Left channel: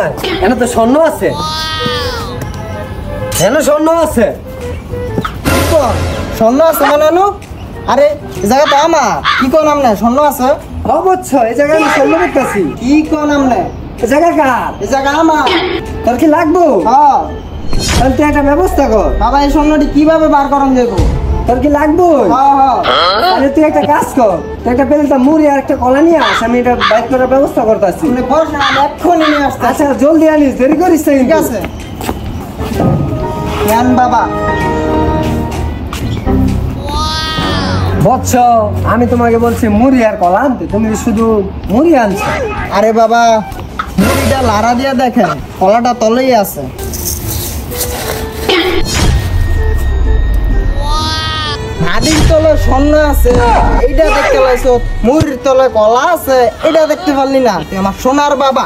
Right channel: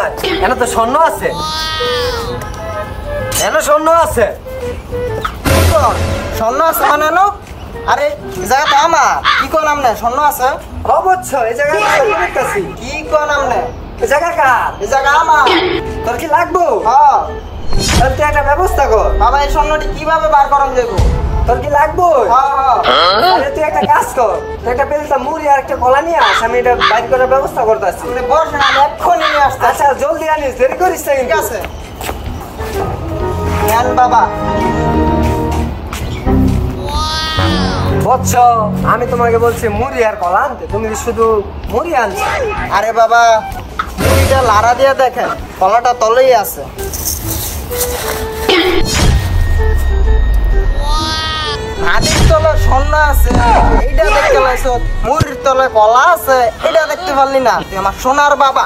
নাই এখানে তো স্বর্ণ আছে এখানে স্বর্ণ আছে স্বর্ণ আছে মানে নো আরে এই জায়গা তো আমার কি কোন নাম না স্বর্ণ আছে অবশ্য এই জায়গায় আমি স্বর্ণ দেখতেছি কি কোন নাম না এই জায়গা কার এই জায়গা আমার তোর কি লাগবো হ্যাঁ তাহলে তুই একটা ব্যবস্থা কর বাবা এই স্বর্ণটি কিভাবে বার করন যাবো তোর কি লাগবো হ্যাঁ হ্যাঁ তাহলে তুই একটা কাজ কর তুই একটা বেলটা মুড়ি আর একটা কলা নিয়ে আস আমি এটা বাইক করার ব্যবস্থা করতেছি আপনি বসেন আমি এক্ষুনি নিয়ে আসতে আচ্ছা জলদি আনিস দেরি করিস না ঠিক কিন্তু। আছে নেন বাবা বৎস আমি তোমাকে বলছি মুড়ি আর কলা আনতে তুমি শুধু মুড়ি আনছো আরে বাবা মুড়িটা লাড়া দিয়া দেখেন কলাটা তলেই আছে হাড়ির তলে স্বর্ণ আছে এইটা দেখতে পাইছো মুড়ির তলে কলা আছে এটা দেখতে পারলি না তুই আমার সোনার বাবা